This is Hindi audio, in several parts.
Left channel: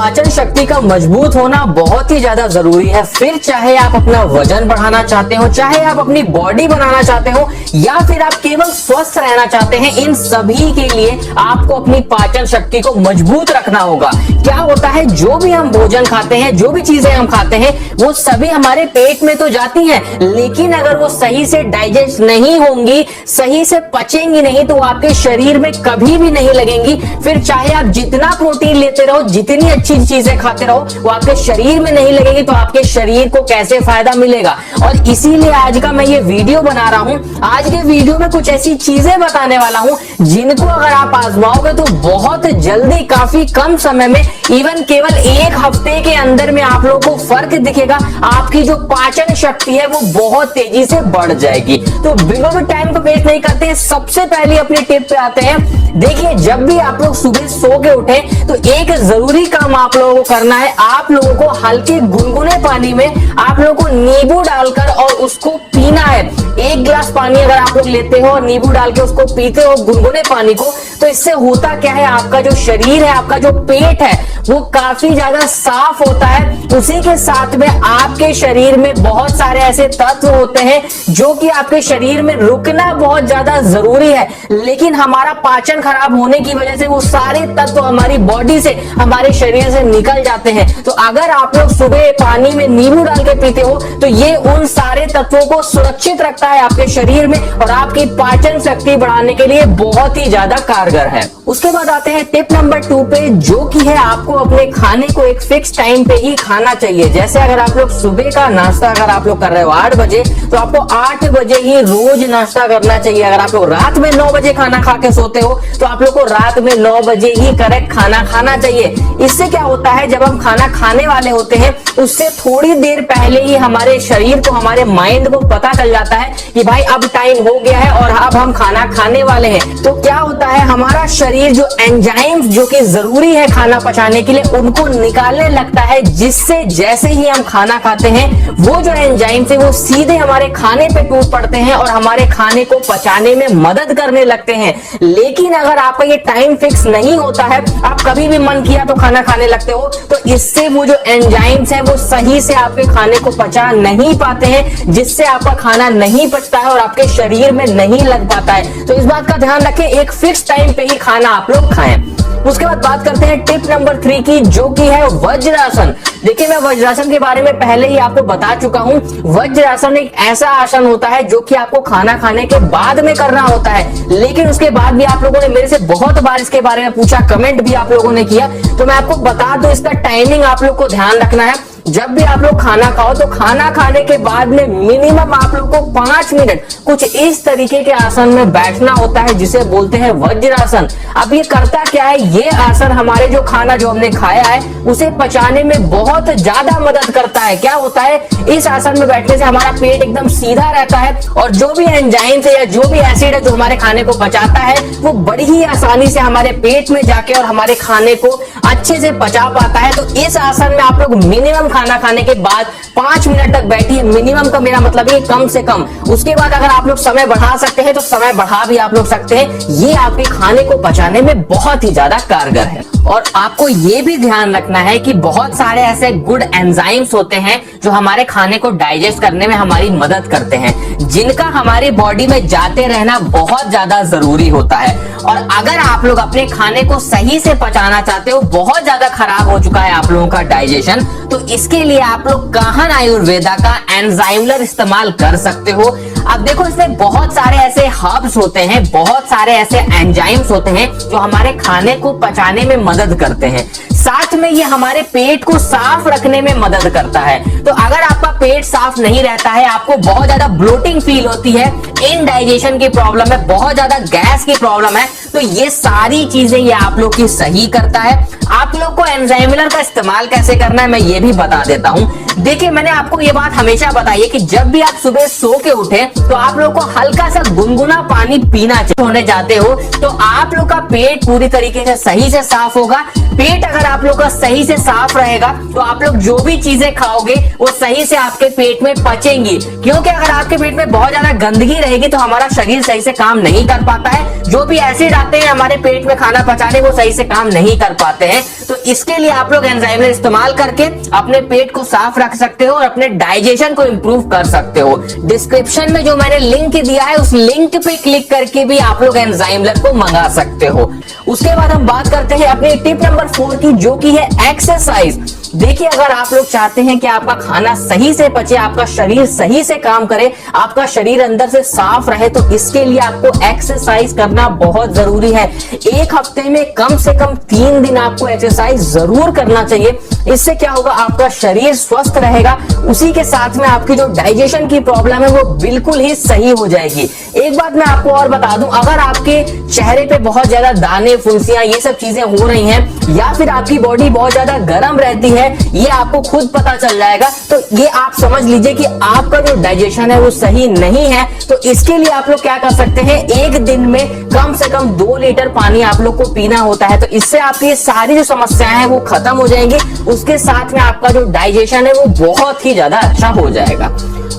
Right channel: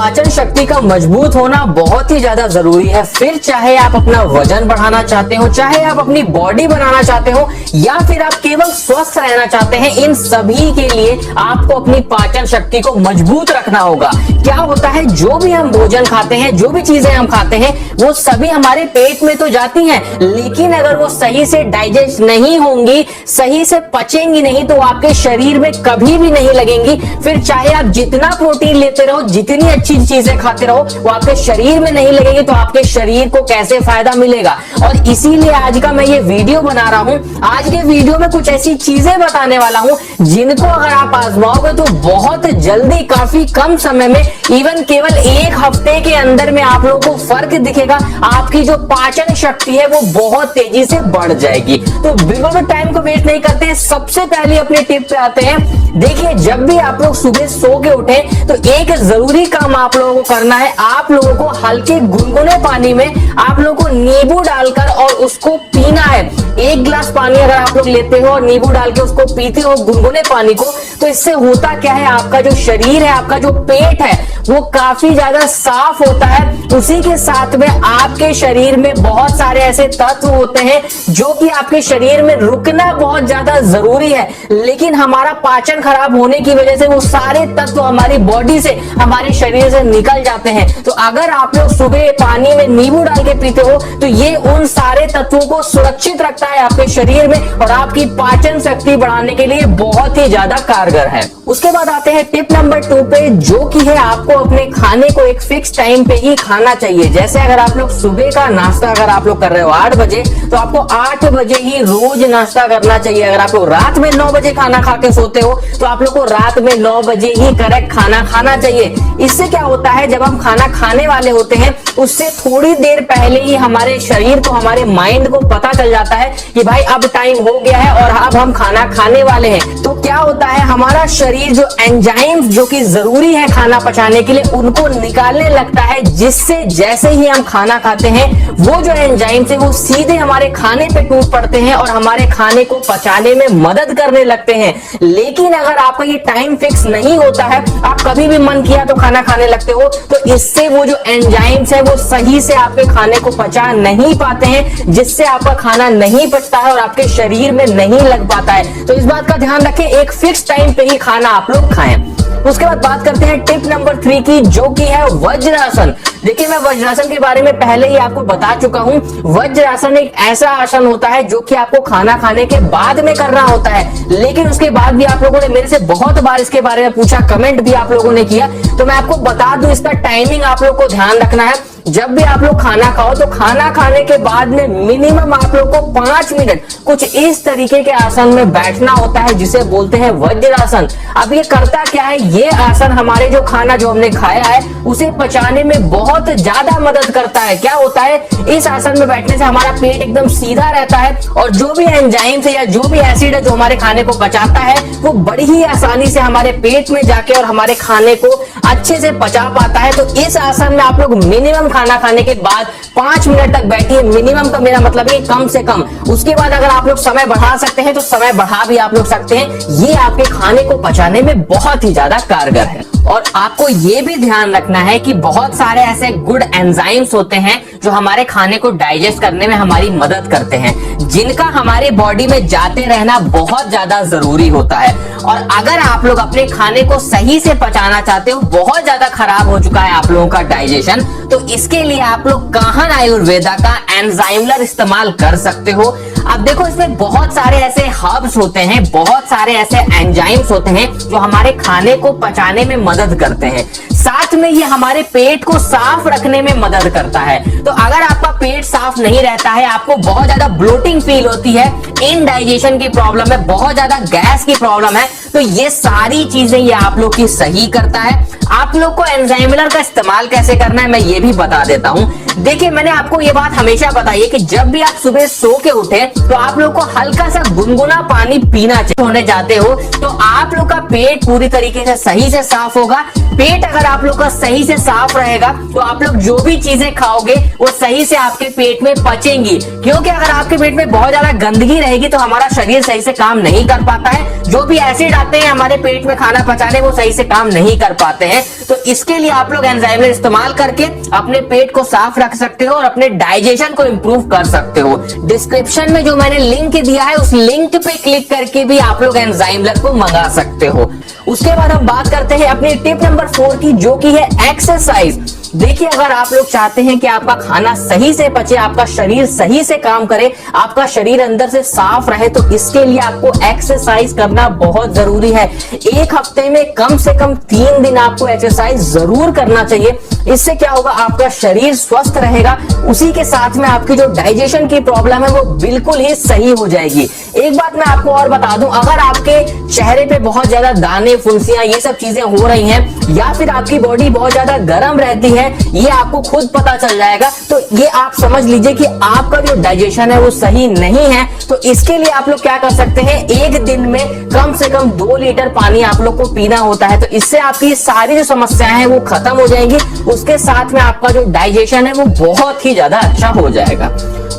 पाचन शक्ति का मजबूत होना बहुत ही ज्यादा जरूरी है। फिर चाहे आप अपना वजन बढ़ाना चाहते हो, चाहे आप अपनी बॉडी बनाना चाहते हो, या फिर आप केवल स्वस्थ रहना चाहते हैं, इन सभी के लिए आपको अपनी पाचन शक्ति को मजबूत रखना होगा। क्या होता है, जो भी हम भोजन खाते हैं, जो भी चीजें हम खाते हैं, वो सभी हमारे पेट में तो जाती हैं, लेकिन अगर वो सही से डाइजेस्ट नहीं होंगी, सही से पचेंगी नहीं, तो आपके शरीर में कभी भी नहीं लगेंगी। फिर चाहे आप जितना प्रोटीन लेते रहो, जितनी अच्छी चीजें खाते रहो, वो आपके शरीर में नहीं लगेगी, तो आपके शरीर को कैसे फायदा मिलेगा। और इसीलिए आज का मैं ये वीडियो बना रहा हूं। आज के वीडियो में कुछ ऐसी चीजें बताने वाला हूं जिनको अगर आप आजमाओगे तो बहुत जल्दी, काफी कम समय में, इवन केवल एक हफ्ते के अंदर में आप लोगों को फर्क दिखेगा। आपकी जो पाचन शक्ति है वो बहुत तेजी से बढ़ जाएगी। तो बिल्कुल भी टाइम को वेस्ट नहीं करते, सबसे पहले अपने टिप पे आते हैं। देखिए, जब भी आप लोग सुबह सो के उठे तो एक जरूरी काम आप लोगों को करना है। आप लोगों को हल्के गुनगुने पानी में आप लोगों को नींबू डालकर और उसको पीना है। एक गिलास पानी अगर आप लोग लेते हो और नींबू डाल के उसको पीते हो गुनगुने पानी को, तो इससे होता क्या है, आपका जो शरीर है, आपका जो पेट है, वो काफी ज्यादा साफ होता है। उसी के साथ में आपके शरीर में बहुत सारे ऐसे तत्व होते हैं जो कि आपके शरीर में रुकना बहुत ज्यादा जरूरी है, लेकिन हमारा पाचन खराब होने की वजह से वो सारे तत्व हमारी बॉडी से, हमारे शरीर से निकल जाते हैं। तो अगर आप लोग सुबह पानी में नींबू डाल के पीते हो तो ये उन सारे तत्वों को सुरक्षित रखता है आपके शरीर में और आपकी पाचन शक्ति बढ़ाने के लिए बहुत ही ज्यादा कारगर है। उसके बाद आते हैं टिप नंबर 2 पे, जो कि है आपको अपने खाने को एक फिक्स टाइम पे ही खाना चाहिए। जैसे अगर आप लोग सुबह का नाश्ता अगर आप लोग कर रहे हो 8 बजे, तो आपको 8 बजे ही रोज नाश्ता करना चाहिए। अगर आप लोग रात में 9 बजे खाना खा के सोते हो तो आप लोग को रात में 9 बजे ही करेक्ट खाना खाना चाहिए। इससे क्या होता है, जब हम खाना खाने वाले होते हैं उससे थोड़ी देर पहले ही हमारे शरीर को, हमारे माइंड को पता चल जाता है कि भाई अब टाइम हो गया है और अब हम खाना खाने वाले हैं। तो क्या होता है, हमारा शरीर जो एंजाइम्स जो कि जरूरी है खाना पचाने के लिए, उनको निकालने लगता है, जिससे जैसे ही हम खाना खाते हैं वो जो एंजाइम्स है वो सीधे हमारे खाने पे टूट पड़ते हैं और हमारे खाने को पचाने में मदद करने लगते हैं। लेकिन अगर आपका ये टाइम फिक्स नहीं होता है, आप कभी भी मन किया तो खाना खाने लगते हो, तो इससे वो जो एंजाइम्स है वो सही से आपके खाने को पचा नहीं पाते हैं, जिससे आपका खाना नहीं पचता है और आपके शरीर में नहीं लग पाता है। तो इस बात का ध्यान रखें, एक फिक्स टाइम पे ही खाना आप लोग खाएं। उसके बाद बात करते हैं टिप नंबर 3 की, जो कि है वज्रासन। देखिए, मैं वज्रासन के बारे में पहले ही आपको बता चुका हूं। वज्रासन एक ऐसा आसन होता है जो कि आपको खाना खाने के बाद में करना होता है, लेकिन उसके बाद भी आप लोगों ने मेरे से बहुत बार इसके बारे में पूछा, कमेंट भी आप लोगों ने किया, तो मैं आपको बता दूं, इसका टाइमिंग आप लोग को ध्यान रखना है। जब भी आप लोग खाना खाओ तो खाना खाने के बाद में मिनिमम आप लोग को 5 मिनट कुछ इस तरीके के आसन में बैठना होता है, जिसे बोलते हैं वज्रासन। अब ये करता क्या है, ये आसन हमारे जो खाना जो हमने खाया है उसे पचाने में बहुत ज्यादा मदद करता है। क्या होता है, इस आसन में बैठने से हमारा पेट एकदम सीधा रहता है और जो भी एंजाइम है या जो भी एसिड है जो हमारे खाने को पचाता है वो बड़ी ही आसानी से हमारे पेट में जाके और हमारे खाने को अच्छे से पचा पाता है। तो इस आसन में आप लोग मिनिमम खाना खाने के बाद 5 मिनट तक बैठिए। मिनिमम का मेरा मतलब है कम से कम। उसके बाद अगर आप लोग समय बढ़ा सकते हैं तो समय बढ़ा भी आप लोग सकते हैं। ये आपके खाने को पचाने में बहुत ही ज्यादा कारगर है। और आपको ये भी ध्यान रखना है कि बहुत सारे ऐसे गुड एंजाइम्स होते हैं जो हमारे खाने को डाइजेस्ट करने में हमारी मदद करते हैं, जिनका हमारी बॉडी में जाते रहना बहुत ज्यादा जरूरी होता है। और अगर आप लोग अपने खाने को सही से पचाना चाहते हो, बहुत ज्यादा खराब हो चुका है आप लोगों का डाइजेशन, तो इसके लिए आप लोग काहन आयुर्वेदा का एंजाइमलर इस्तेमाल कर सकते हो। अब देखो, इसमें बहुत सारे ऐसे हर्ब्स होते हैं, बहुत सारे ऐसे एंजाइम्स होते हैं जो हमारे खाने को पचाने में मदद करते हैं। साथ में ये हमारे पेट को साफ रखने में मदद करता है। तो अगर आपका पेट साफ नहीं रहता है, आपको बहुत ज्यादा ब्लोटिंग फील होती है, इनडाइजेशन की प्रॉब्लम है, बहुत ज्यादा गैस की प्रॉब्लम है, तो ये सारी चीजें ये आप लोग की सही करता है। आप लोग को एंजाइमलर का इस्तेमाल कैसे करना है मैं ये भी बता देता हूँ। देखिए, मैंने आपको ये बात हमेशा बताई है कि जब भी आप सुबह सो के उठे तो आप लोग को हल्का सा गुनगुना पानी पीना चाहिए। होने जाते हो तो आप लोग का पेट पूरी तरीके से सही से साफ होगा। पेट अगर आप लोग का सही से साफ रहेगा तो आप लोग जो भी चीजें खाओगे वो सही से आपके पेट में पचेंगी। क्योंकि अगर आपके पेट में बहुत ज्यादा गंदगी रहेगी तो हमारा शरीर सही से काम नहीं कर पाता है। जो भी एसिड आते हैं हमारे पेट में खाना पचाने, वो सही से काम नहीं कर पाते हैं। हैं, तो इसके लिए आप लोग एंजाइमलेस इस्तेमाल करके अपने पेट को साफ रख सकते हो और अपने डाइजेशन को इंप्रूव कर सकते हो। डिस्क्रिप्शन में जो मैंने लिंक दिया है उस लिंक पे क्लिक करके भी आप लोग एंजाइमलेस को मंगा सकते हो। उसके बाद हम बात करते हैं अपनी टिप नंबर 4 की, जो की है एक्सरसाइज। देखिए, अगर आप लोग चाहते हैं कि आपका खाना सही से पचे, आपका शरीर सही से काम करे, आपका शरीर अंदर से साफ रहे, तो इसके लिए आपको एक्सरसाइज करना बहुत जरूरी है। एक हफ्ते में कम से कम 3 दिन आपको एक्सरसाइज जरूर करना चाहिए। इससे क्या होगा, आपका शरीर स्वस्थ रहेगा, उसी के साथ में आपकी जो डाइजेशन की प्रॉब्लम है वो बिल्कुल ही सही हो जाएगी। एक बात मैं आपको और बता दूं, अगर आपके चेहरे पे बहुत ज्यादा दाने, फुंसियां, ये सब चीजें हो रही हैं, या फिर आपकी बॉडी बहुत ज्यादा गर्म रहती है, ये आपको खुद पता चल जाएगा, तो ये आप समझ लीजिए कि आपका जो डाइजेशन है वो सही नहीं है। तो इसके लिए आप लोग क्या कर सकते हैं, एक दिन में कम से कम 2 लीटर पानी आप लोग को पीना होता है। तो इससे आपकी सारी जो समस्याएं हैं वो खत्म हो जाएंगी, उसके साथ में आपका जो डाइजेशन है वो बहुत ही ज्यादा अच्छा हो जाएगा।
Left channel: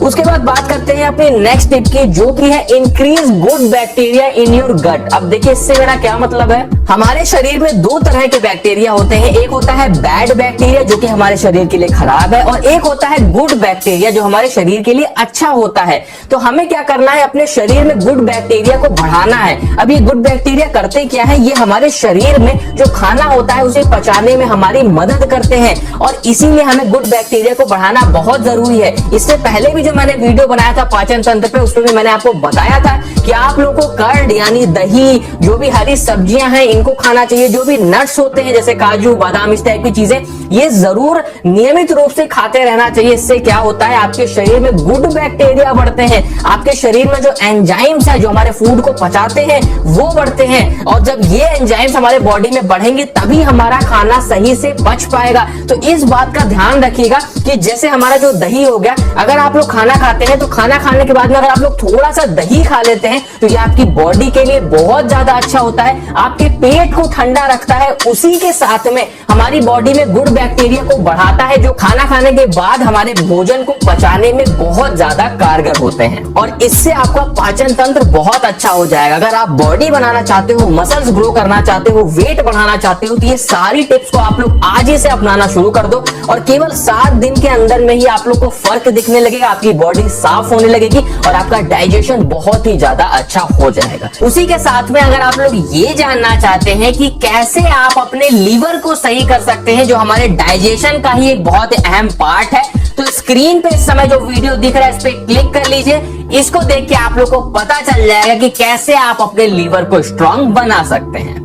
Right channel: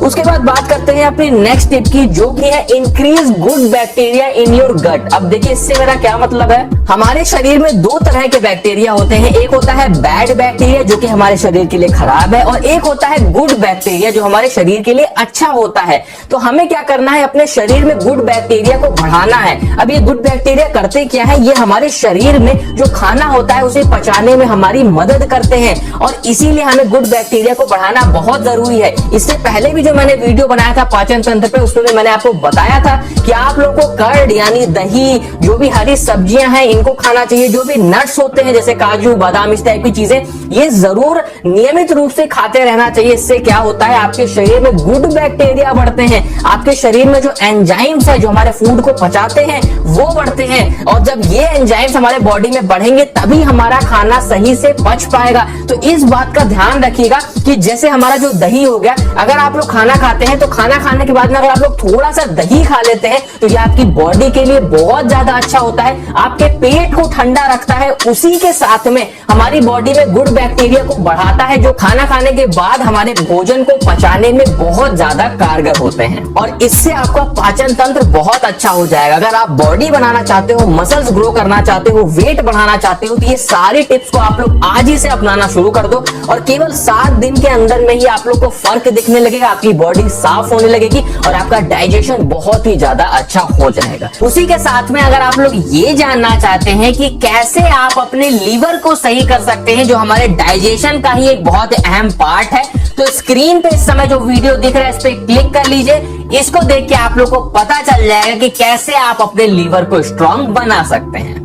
उसके बाद बात करते हैं अपनी नेक्स्ट टिप की, जो की है increase good bacteria in your gut. अब देखिए, इससे मेरा क्या मतलब है, हमारे शरीर में 2 तरह के बैक्टीरिया होते हैं। एक होता है बैड बैक्टीरिया जो कि हमारे शरीर के लिए खराब है, और एक होता है गुड बैक्टीरिया जो हमारे शरीर के लिए अच्छा होता है। तो हमें क्या करना है, अपने शरीर में गुड बैक्टीरिया को बढ़ाना है। अब ये गुड बैक्टीरिया करते क्या है, ये हमारे शरीर में जो खाना होता है उसे पचाने में हमारी मदद करते हैं, और इसीलिए हमें गुड बैक्टीरिया को बढ़ाना बहुत जरूरी है। इससे पहले भी मैंने वीडियो बनाया था पाचन तंत्र पे, उसमें भी मैंने आपको बताया था कि आप लोग को कर्ड यानी दही, जो भी हरी सब्जियां हैं इनको खाना चाहिए। जो भी नट्स होते हैं जैसे काजू, बादाम, इस टाइप की चीजें, ये जरूर नियमित रूप से खाते रहना चाहिए। इससे क्या होता है, आपके शरीर में गुड बैक्टीरिया बढ़ते हैं, आपके शरीर में जो एंजाइम्स है जो हमारे फूड को पचाते हैं वो बढ़ते हैं, और जब ये एंजाइम्स हमारे बॉडी में बढ़ेंगे तभी हमारा खाना सही से पच पाएगा। तो इस बात का ध्यान रखिएगा कि जैसे हमारा जो दही हो गया, अगर आप लोग खाना खाते हैं तो खाना खाने के बाद में अगर आप लोग थोड़ा सा दही खा लेते हैं तो ये आपकी बॉडी के लिए बहुत ज्यादा अच्छा होता है, आपके पेट को ठंडा रखता है, उसी के साथ में हमारी बॉडी में गुड बैक्टीरिया को बढ़ाता है, जो खाना खाने के बाद हमारे भोजन को पचाने में बहुत ज्यादा कारगर होते हैं, और इससे आपका पाचन तंत्र बहुत अच्छा हो जाएगा। अगर आप बॉडी बनाना चाहते हो, मसल्स ग्रो करना चाहते हो, वेट बढ़ाना चाहते हो, तो ये सारी टिप्स को आप लोग आज ही से अपनाना शुरू कर दो, और केवल 7 दिन के अंदर में ही आप लोग को फर्क दिखने लगेगा, आपकी बॉडी साफ होने लगेगी और आपका डाइजेशन बहुत ही ज्यादा अच्छा हो जाएगा। उसी के साथ में अगर आप लोग ये जानना चाहते हैं कि कैसे आप अपने लीवर को सही कर सकते हैं, जो हमारे डाइजेशन का ही एक बहुत अहम पार्ट है, तो स्क्रीन पे इस समय जो वीडियो दिख रहा है इस पे क्लिक कर लीजिए। इसको देख के आप लोग को पता चल जाएगा कि कैसे आप अपने लीवर को स्ट्रांग बना सकते हैं।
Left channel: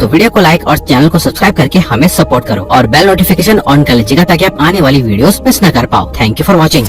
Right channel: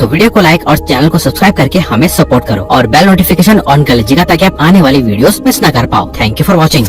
तो वीडियो को लाइक और चैनल को सब्सक्राइब करके हमें सपोर्ट करो, और बेल नोटिफिकेशन ऑन कर लीजिएगा ताकि आप आने वाली वीडियोस मिस ना कर पाओ। Thank you for watching.